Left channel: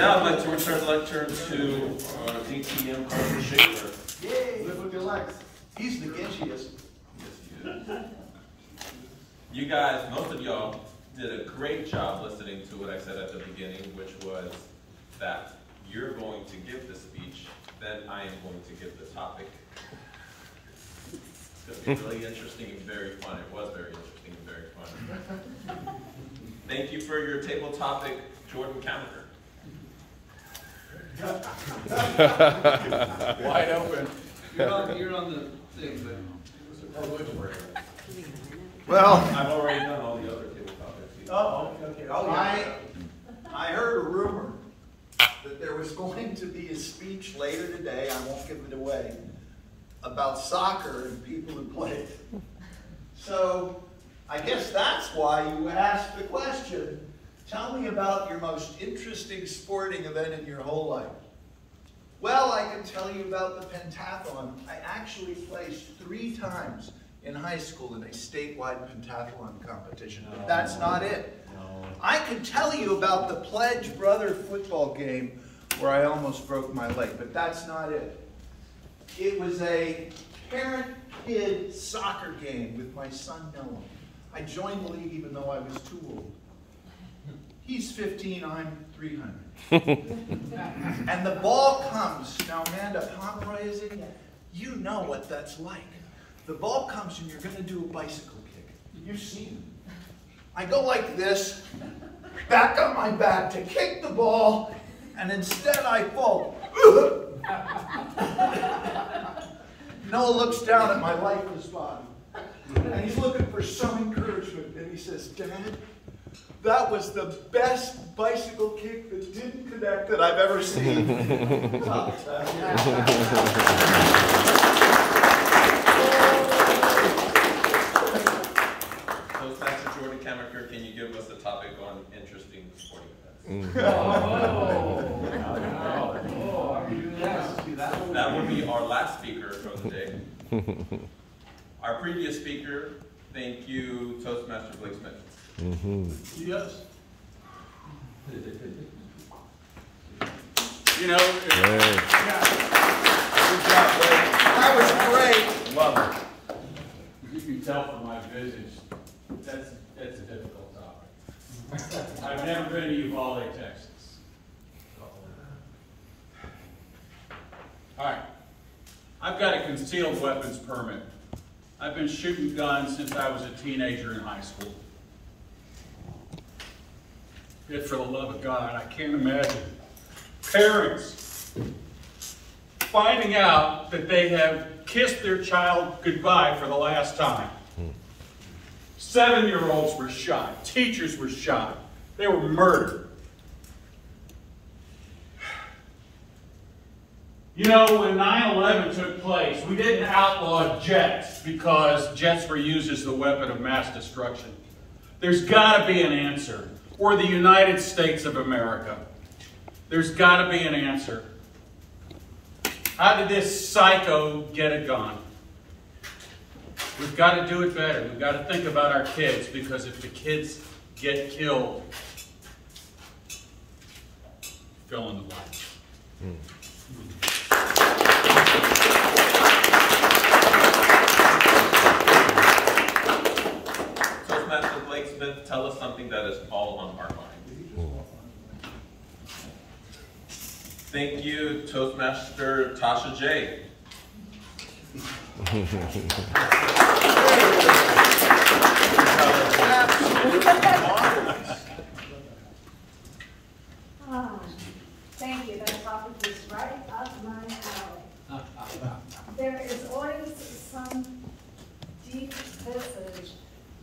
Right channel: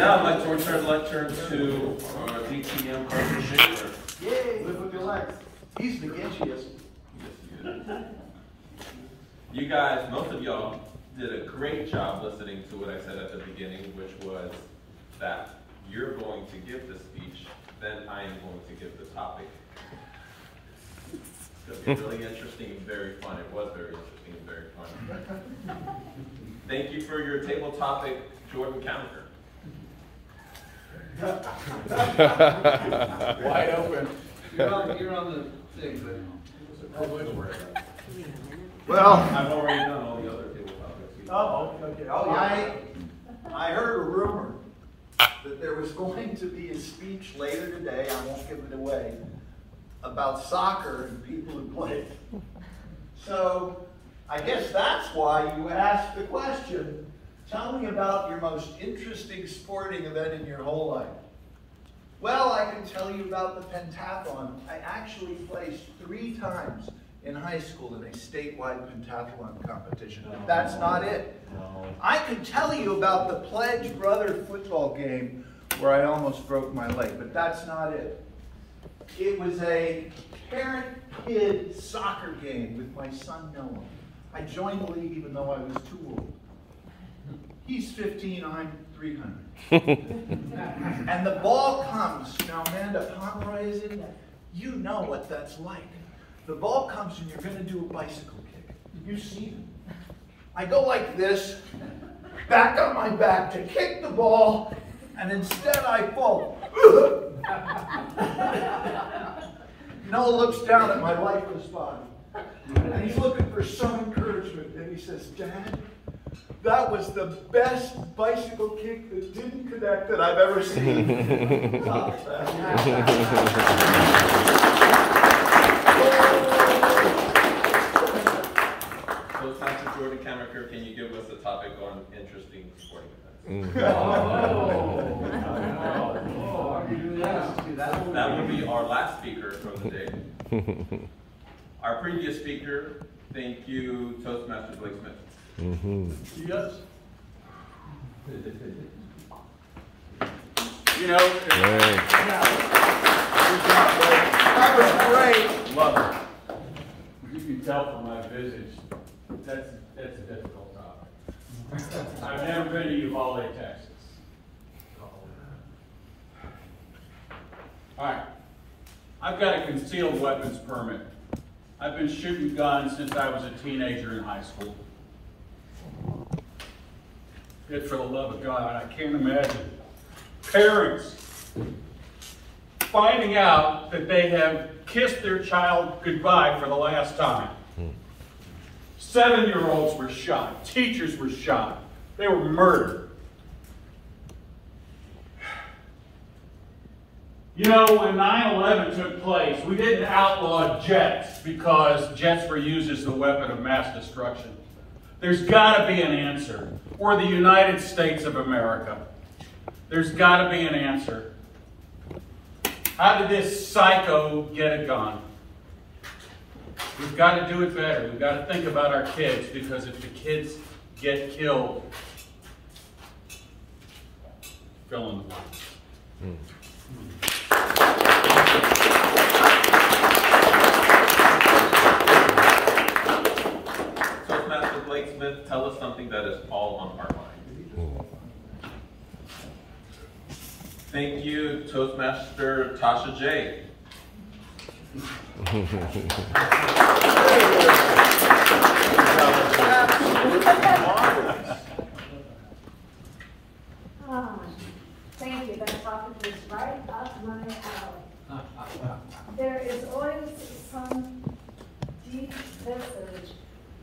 now I'd like to return the lecture to DTM Carson Schaefer. Yay, live with your legs. He's the gitchiest. You guys, most of y'all, did a great job listening to what I said at the beginning, which was that you're going to give the speech, then I am going to give the topic. It's going to be really interesting and very fun. It was very interesting and very fun. Thank you for your table topic, Jordan Counter. Wide open. You're on the thing, but Well, I've already done all the other table topics. oh, okay. I heard a rumor that there was going to be a speech later today, I won't give it away, about soccer and people who play it. So, I guess that's why you asked the question. Tell me about your most interesting sporting event in your whole life. Well, I can tell you about the pentathlon. I actually placed 3 times in high school in a statewide pentathlon competition, but that's not it. I can tell you about the Pledge Brother football game where I almost broke my leg, but that's not it. It was a parent-kid soccer game with my son Noah. I joined the league even though I was too old. He's 15, I'm 300. And the ball comes. Now, Amanda Pomeroy is in. You know what that's like. The ball comes and you're going to do a bicycle kick. You've seen it. I go like this, back on my back to kick the ball, and instead I fall. Noah looks down at my lifeless body, and he's looking for some encouragement, and he says, "Dad, that was the best bicycle kick that didn't connect that I've ever seen." Toastmaster Jordan Kamaker, can you give us a topic on interesting sporting events? That will be our last speaker from the day. Our previous speaker, thank you, Toastmaster Blake Smith. Yes. You know, That was great. love it. You can tell from my visage, that's a difficult topic. I've never been to Uvalde, Texas. All right. I've got a concealed weapons permit. I've been shooting guns since I was a teenager in high school. Yet for the love of God, I can't imagine parents finding out that they have kissed their child goodbye for the last time. 7-year-olds were shot. Teachers were shot. They were murdered. You know, when 9/11 took place, we didn't outlaw jets because jets were used as the weapon of mass destruction. There's got to be an answer. Or the United States of America. There's got to be an answer. How did this psycho get a gun? We've got to do it better. We've got to think about our kids, because if the kids get killed, fill in the blanks. Toastmaster Blake Smith, tell us something that is all on our mind. Thank you, Toastmaster Tasha J. Thank you. That topic is right up my alley. There is always some deep visage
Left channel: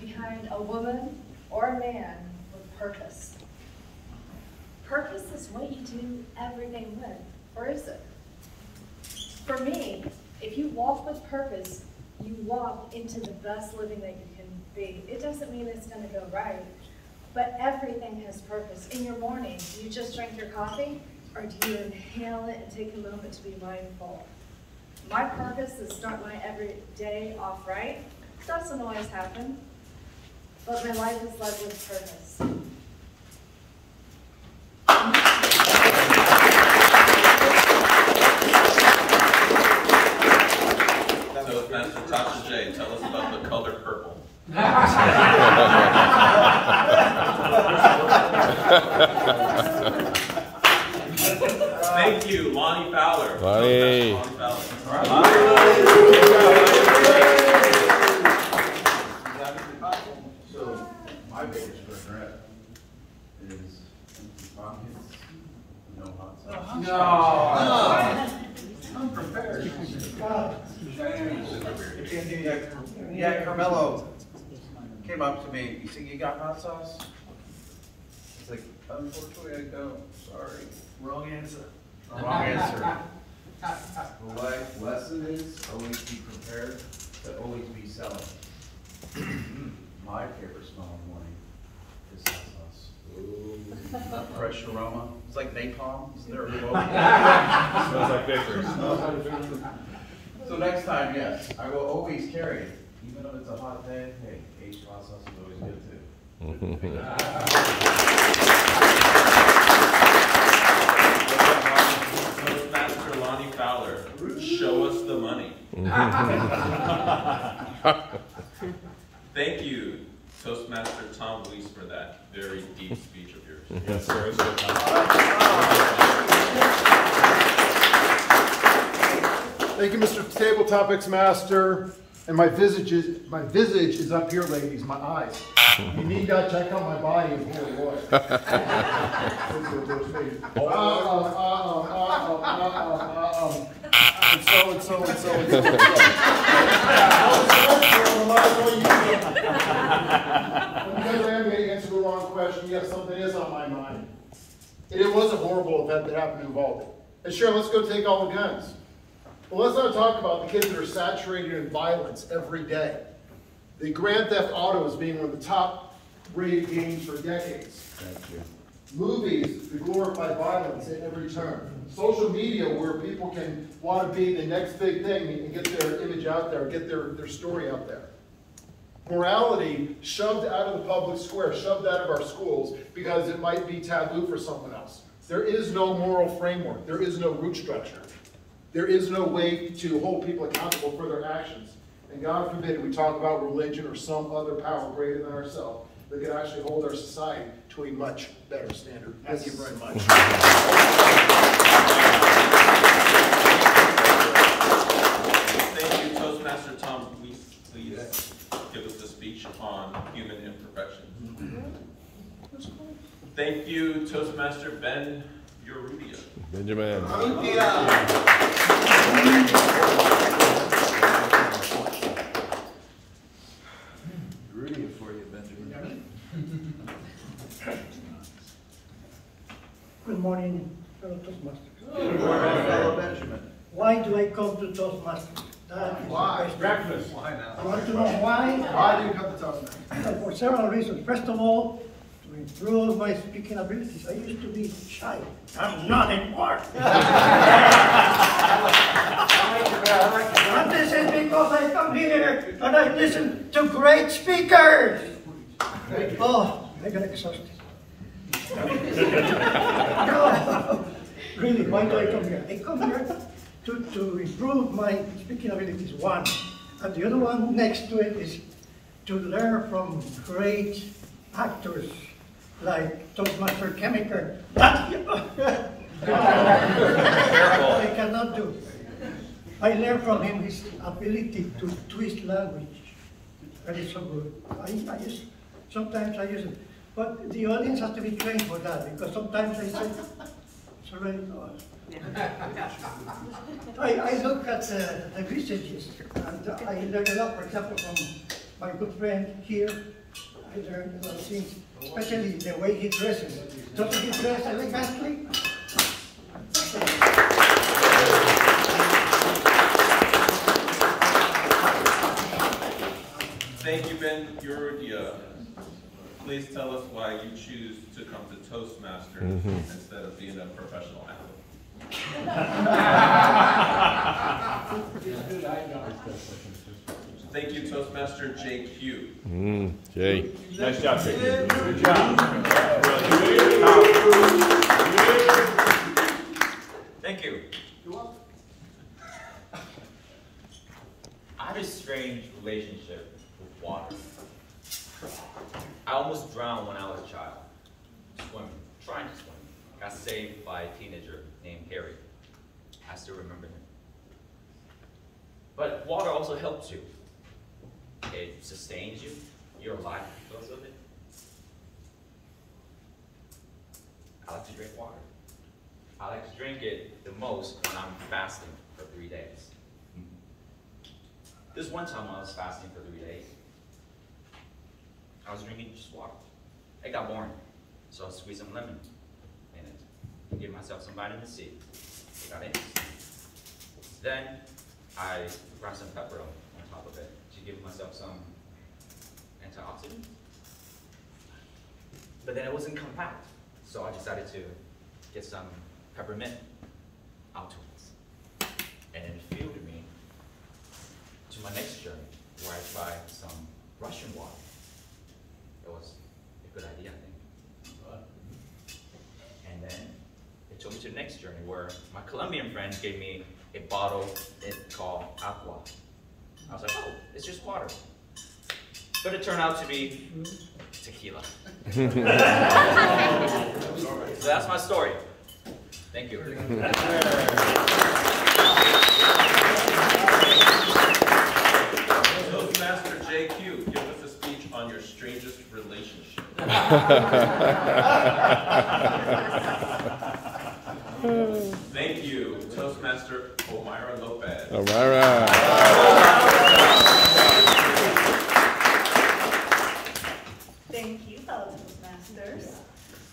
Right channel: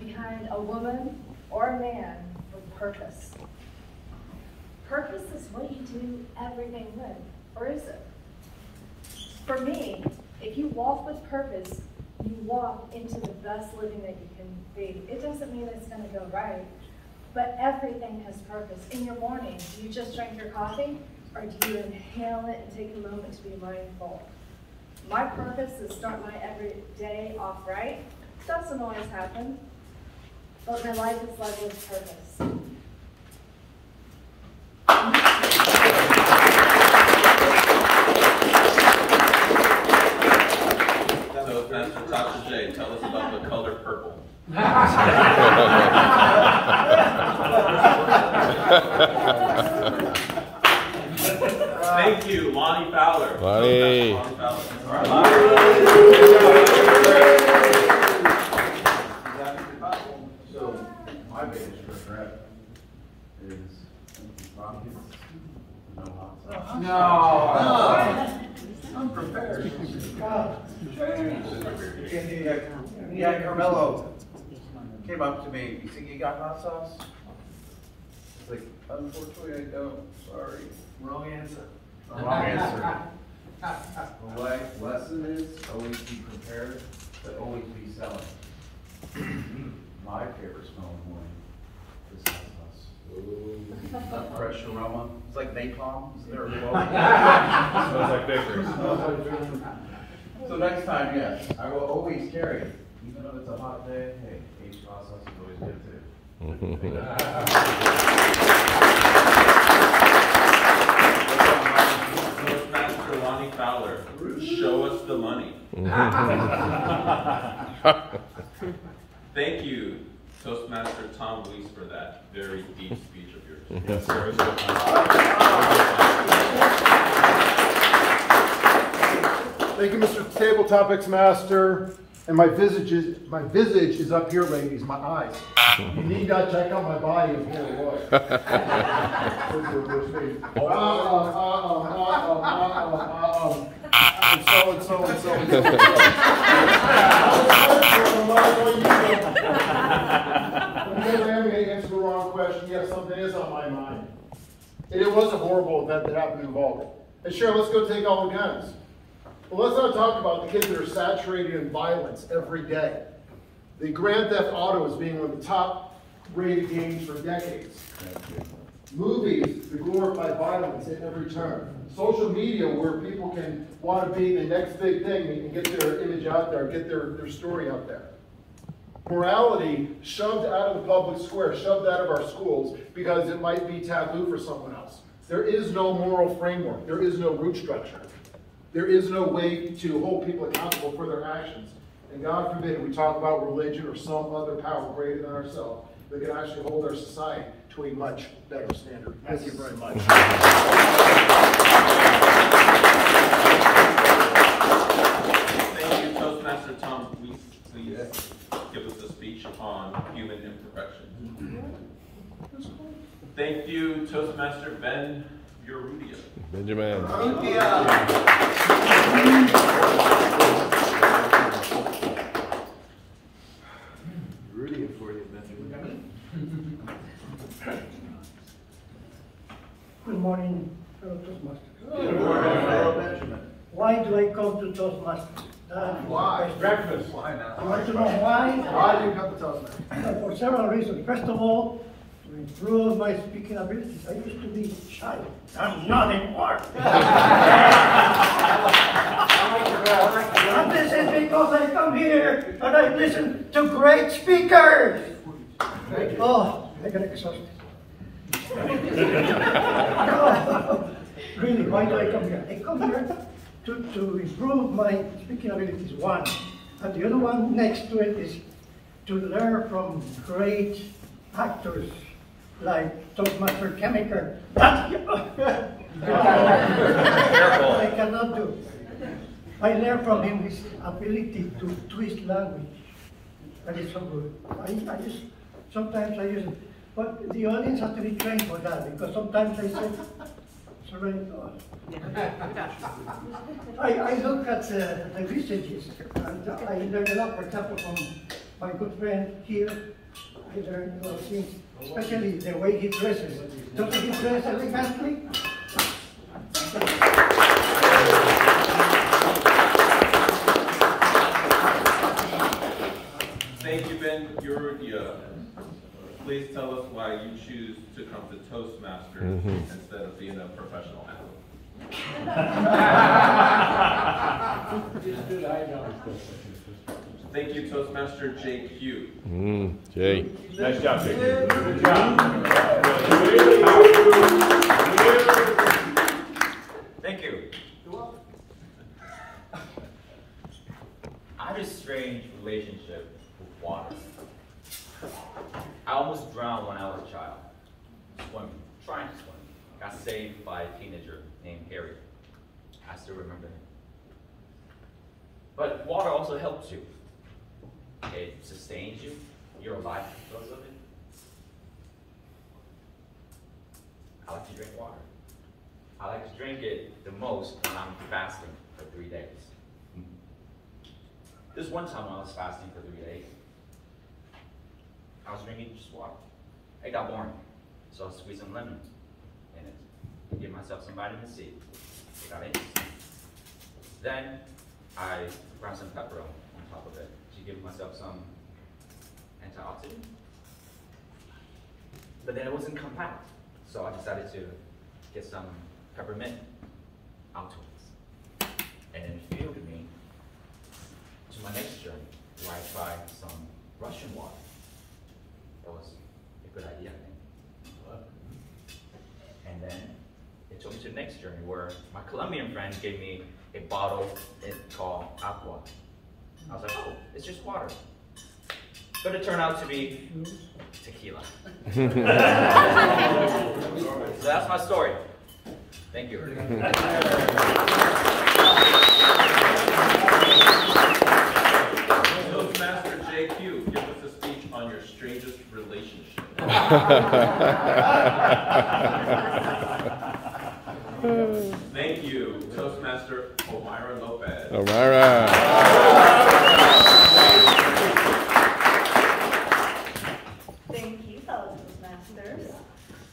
behind a woman or a man with purpose. Purpose is what you do every day with, or is it? For me, if you walk with purpose, you walk into the best living that you can be. It doesn't mean it's going to go right, but everything has purpose. In your morning, do you just drink your coffee, or do you inhale it and take a moment to be mindful? My purpose is to start my every day off right. It doesn't always happen, but my life is led with purpose. Thank you, Lonnie Fowler. Lonnie. So, my biggest regret is empty pockets, no hot sauce. No. Unprepared. Yeah, Carmelo came up to me, you think you got hot sauce? It's like, unfortunately I don't, sorry. Wrong answer. Wrong answer. The life lesson is always be prepared to always be selling. My favorite smell in the morning is hot sauce. That fresh aroma. It's like napalm. Isn't there a quote? Smells like victory. So next time, yes, I will always carry it. Even though it's a hot day, hey, aged hot sauce is always good too. Toastmaster Lonnie Fowler, show us the money. Thank you, Toastmaster Tom Weiss, for that very deep speech of yours. Yes, sir. Thank you, Mr. Table Topics Master. And my visage is up here, ladies, my eyes. You need not check out my body in holy water. And so. Because I am going to answer the wrong question, yes, something is on my mind. And it was a horrible event that happened in Uvalde. And sure, let's go take all the guns. But let's not talk about the kids that are saturated in violence every day. The Grand Theft Auto is being one of the top rated games for decades. Movies that glorify violence at every turn. Social media where people can want to be the next big thing and get their image out there, get their story out there. Morality shoved out of the public square, shoved out of our schools because it might be taboo for someone else. There is no moral framework. There is no root structure. There is no way to hold people accountable for their actions. And God forbid we talk about religion or some other power greater than ourselves that can actually hold our society to a much better standard. Thank you very much. Thank you, Toastmaster Tom. Please give us a speech on human imperfection. Thank you, Toastmaster Ben Urrutia. Benjamin. Rudy for you, Benjamin. Good morning, fellow Toastmasters. Good morning, fellow Benjamin. Why do I come to Toastmasters? Why? Breakfast. Why now? You want to know why? Why do you come to Toastmasters? For several reasons. First of all, to improve my speaking abilities. I used to be shy. I'm not anymore. And this is because I come here and I listen to great speakers. Oh, I get exhausted. Really, why do I come here? I come here to improve my speaking abilities, one. And the other one next to it is to learn from great actors like Toastmaster Chemical. That I cannot do. I learned from him his ability to twist language. That is so good. Sometimes I use it. But the audience has to be trained for that, because sometimes I say, it's already gone. I look at the researches, and I learn a lot, for example, from my good friend here. I learned a lot of things, especially the way he dresses. Doesn't he dress elegantly? Thank you, Ben Urrutia. Please tell us why you choose to come to Toastmasters instead of being a professional athlete. Thank you, Toastmaster JQ. Jay. Nice job, JQ. Good job. Thank you. I have a strange relationship with water. I almost drowned when I was a child, swimming. kindest one. Got saved by a teenager named Harry. I still remember him. But water also helps you. It sustains you. You're alive because of it. I like to drink water. I like to drink it the most when I'm fasting for 3 days. This one time when I was fasting for 3 days, I was drinking just water. It got boring, so I squeezed some lemon in it to give myself some vitamin C. It got interesting. Then I ground some pepper on top of it to give myself some antioxidants. But then it wasn't compact, so I decided to get some peppermint afterwards. And then it fueled me to my next journey, where I tried some Russian water. It was a good idea, I think. And then it took me to the next journey, where my Colombian friend gave me a bottle called Aqua. I was like, oh, it's just water. But it turned out to be tequila. So that's my story. Thank you. Toastmaster JQ, give us a speech on your strangest relationship. Thank you, Toastmaster Omira Lopez. Omira. Thank you, fellow Toastmasters.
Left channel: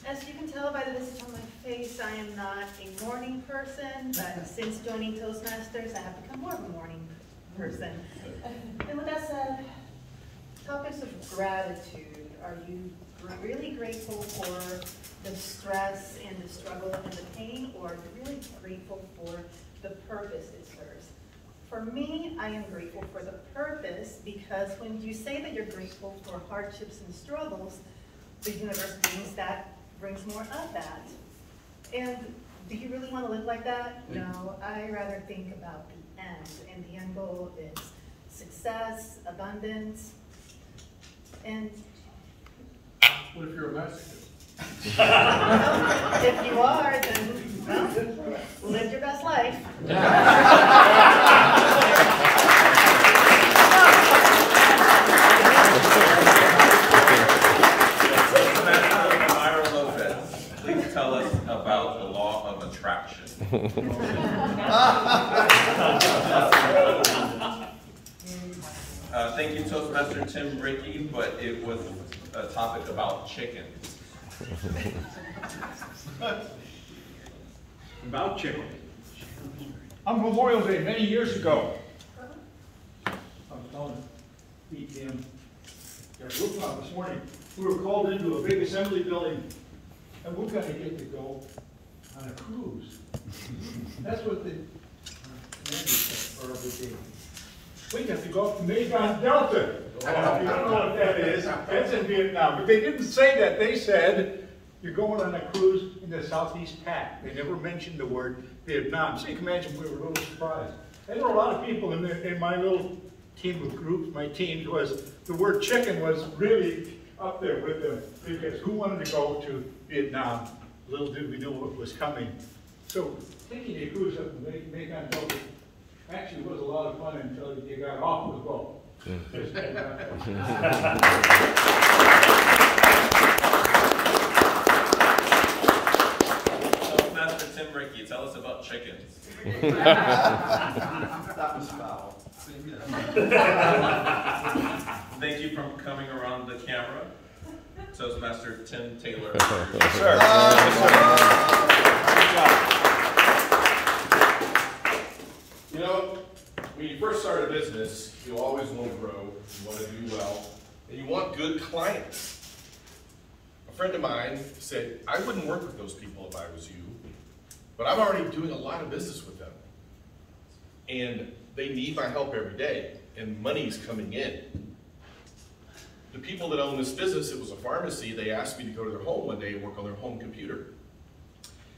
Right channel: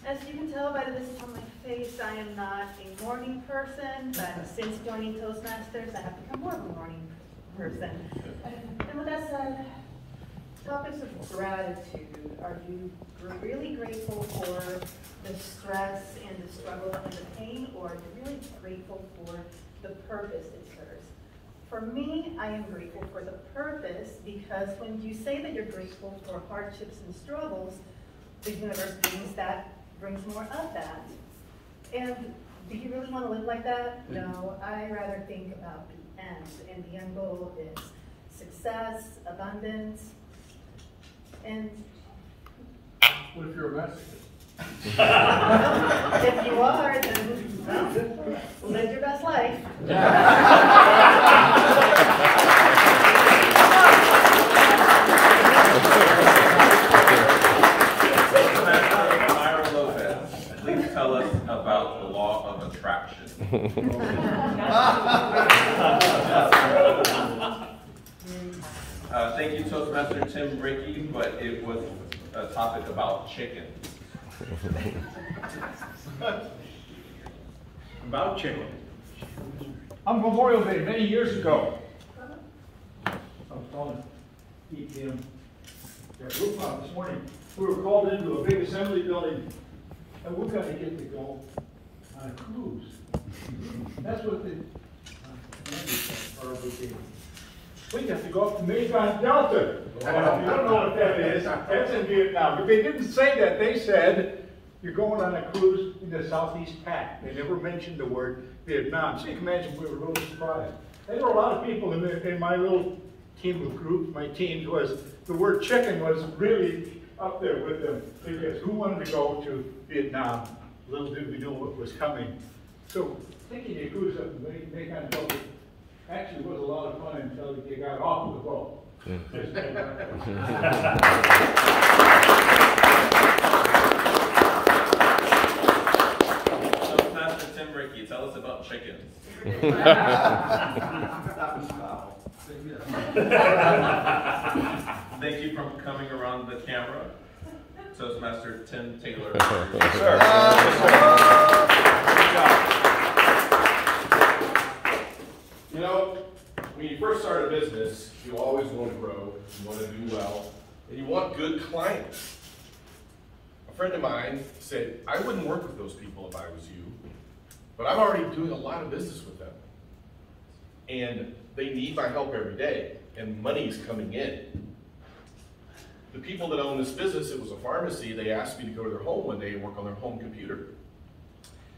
As you can tell by the visit on my face, I am not a morning person, but since joining Toastmasters, I have become more of a morning person. And with that said, topics of gratitude. Are you really grateful for the stress and the struggle and the pain, or are you really grateful for the purpose it serves? For me, I am grateful for the purpose, because when you say that you're grateful for hardships and struggles, the universe brings more of that. And do you really want to live like that? No, I rather think about the end, and the end goal is success, abundance, and What if you're a Mexican? if you are, then well, live your best life. Myra Lopez, please tell us about the law of attraction. Thank you, Toastmaster Tim Bricky, but it was a topic about chickens. About chicken. On Memorial Day, many years ago, I was calling EPM. Got roof on this morning. We were called into a big assembly building, and we're going to get to go on a cruise. That's what the we got to go up to Mekong Delta. If you don't know what that is, that's in Vietnam. But they didn't say that. They said, you're going on a cruise in the Southeast Pac. They never mentioned the word Vietnam. So you can imagine we were a little surprised. And there were a lot of people in my little team of groups, my teams, was the word chicken was really up there with them. Because who wanted to go to Vietnam? Little did we know what was coming. So taking a cruise up to Mekong Delta actually was a lot of fun until you got off the boat. Master Tim Ricky, tell us about chickens. Thank you for coming around the camera. Toastmaster Tim Taylor. You know, when you first start a business, you always want to grow, you want to do well, and you want good clients. A friend of mine said, I wouldn't work with those people if I was you, but I'm already doing a lot of business with them. And they need my help every day, and money's coming in. The people that own this business, it was a pharmacy, they asked me to go to their home one day and work on their home computer.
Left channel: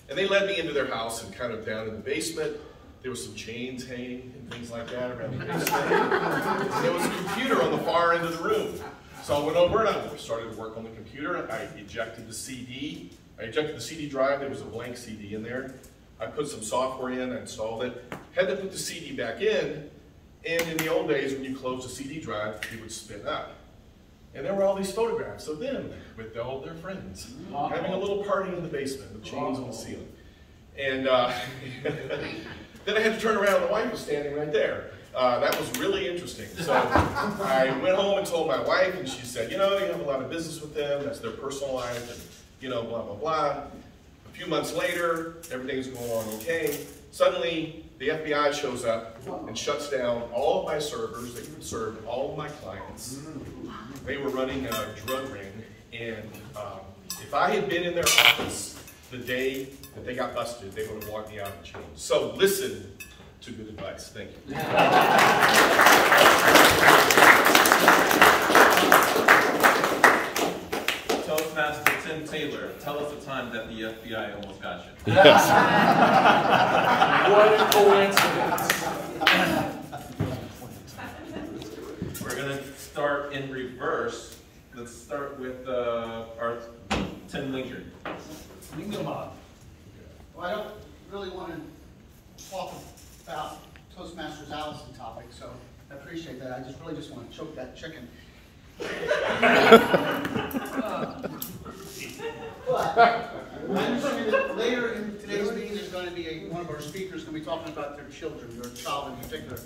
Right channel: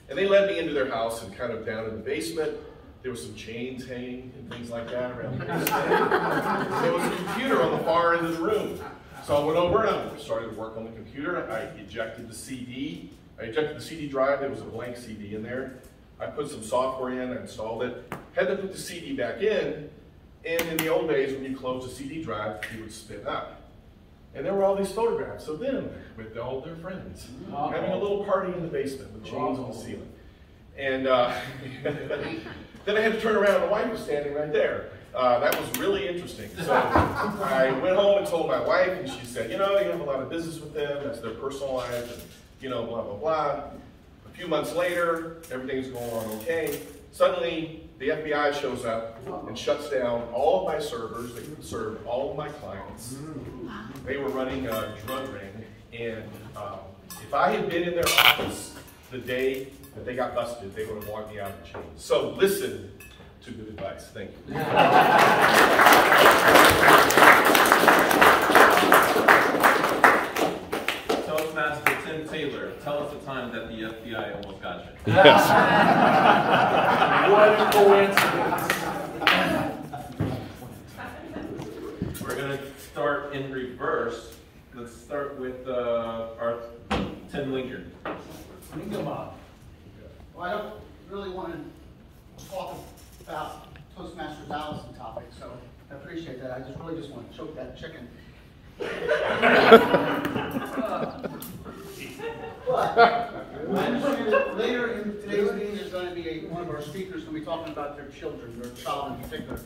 And they led me into their house and kind of down in the basement. There was some chains hanging and things like that around the basement. And there was a computer on the far end of the room. So I went over and I started to work on the computer. I ejected the CD. I ejected the CD drive. There was a blank CD in there. I put some software in, I installed it. Had to put the CD back in. And in the old days, when you closed the CD drive, it would spin up. And there were all these photographs of them with all their friends, having a little party in the basement with chains on the ceiling. And then I had to turn around and the wife was standing right there. That was really interesting. So I went home and told my wife, and she said, you know, you have a lot of business with them, that's their personal life, and you know, blah, blah, blah. A few months later, everything's going on okay. Suddenly, the FBI shows up and shuts down all of my servers that served all of my clients. They were running a drug ring, and if I had been in their office the day that they got busted, they would have walked me out in chains. So listen to good advice. Thank you. Toastmaster Tim Taylor, tell us the time that the FBI almost got you. Yes. What a coincidence. We're going to start in reverse. Let's start with our Tim Lincoln. Well, I don't really want to talk about Toastmasters Allison topic, so I appreciate that. I really just want to choke that chicken. But I understand that later in today's meeting there's going to be one of our speakers going to be talking about their children, their child in particular.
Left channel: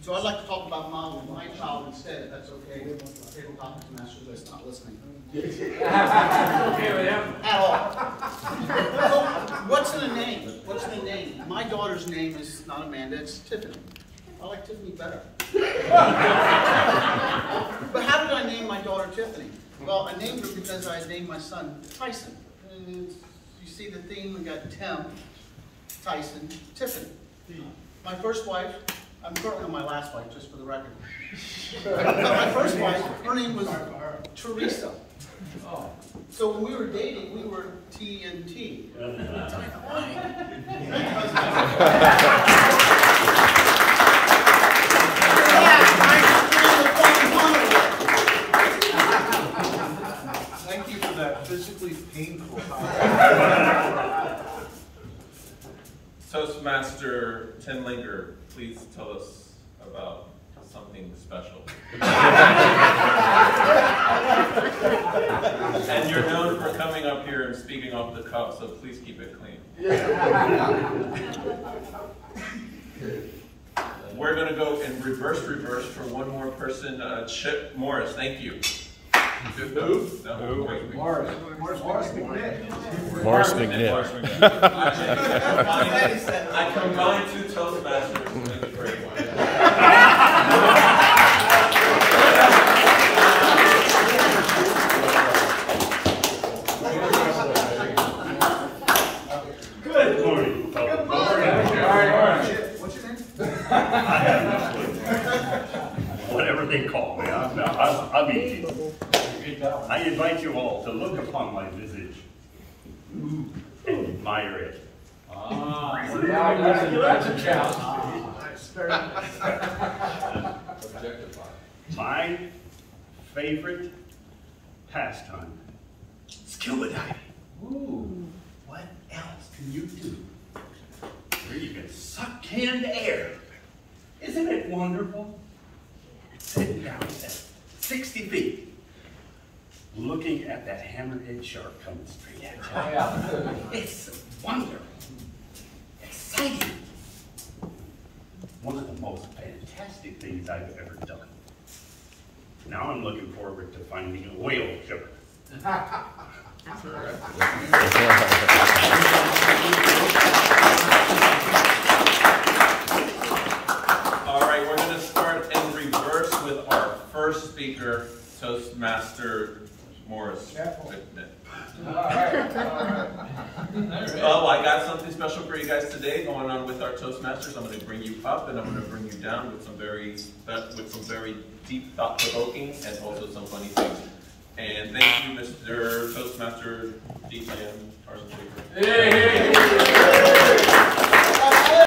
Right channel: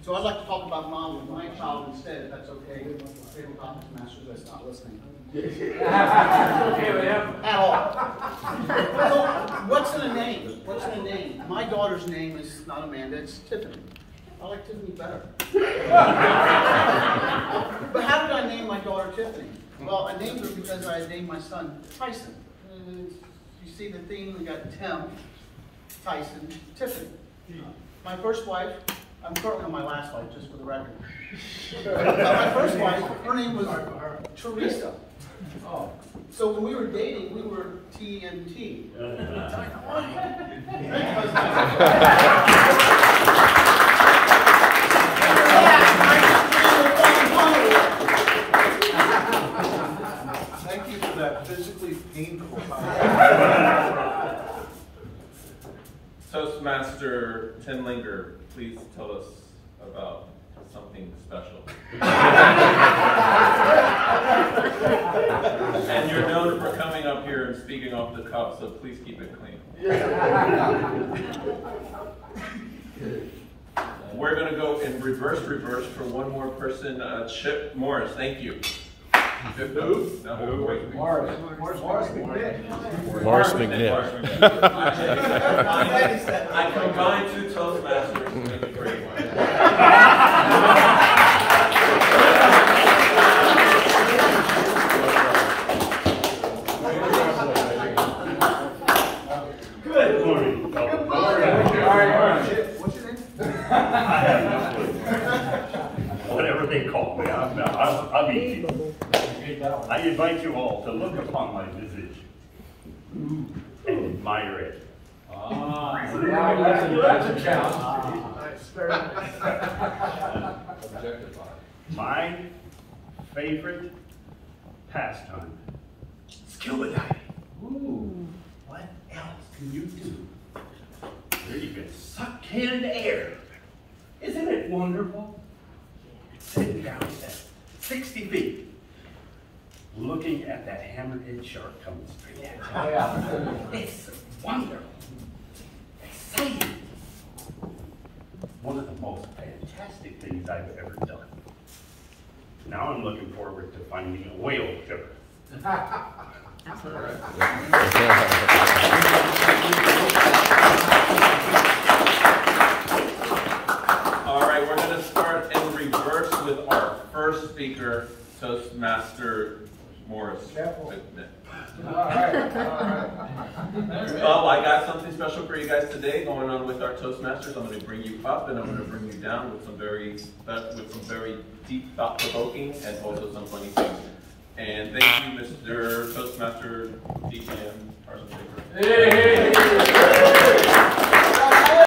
So I'd like to talk about my child instead, if that's okay. Tabletop Toastmasters that's not listening. At all. So, what's in a name? What's in a name? My daughter's name is not Amanda, it's Tiffany. I like Tiffany better. But how did I name my daughter Tiffany? Well, I named her because I named my son Tyson. You see the theme, we got Tim, Tyson, Tiffany. My first wife, I'm currently on my last wife, just for the record. My first wife, her name was Teresa. So when we were dating, we were TNT. Thank you for that physically painful Toastmaster Tim Linger, please tell us about something special. And you're known for coming up here and speaking off the cuff, so please keep it clean. We're going to go in reverse for one more person. Chip Morris, thank you. Who? No, Morris McNitt. Morris McNitt. I combined two Toastmasters to make a great one. Good morning. Good morning. What's your name? Whatever they call me, I'll be easy. I invite you all to look upon my visage and admire it. That's a challenge. My favorite pastime, scuba diving. Ooh, what else can you do? Where you can suck in air. Isn't it wonderful? Sitting down at 60 feet, looking at that hammerhead shark coming straight at you. It's wonderful, exciting. One of the most fantastic things I've ever done. Now I'm looking forward to finding a whale sugar. All right, we're going to start in reverse with our first speaker, Toastmaster Morris McNitt. Oh, I got something special for you guys today going on with our Toastmasters. I'm going to bring you up and I'm going to bring you down with some very deep, thought-provoking, and also some funny things. And thank you, Mr. Toastmaster DTM Carson Shaker.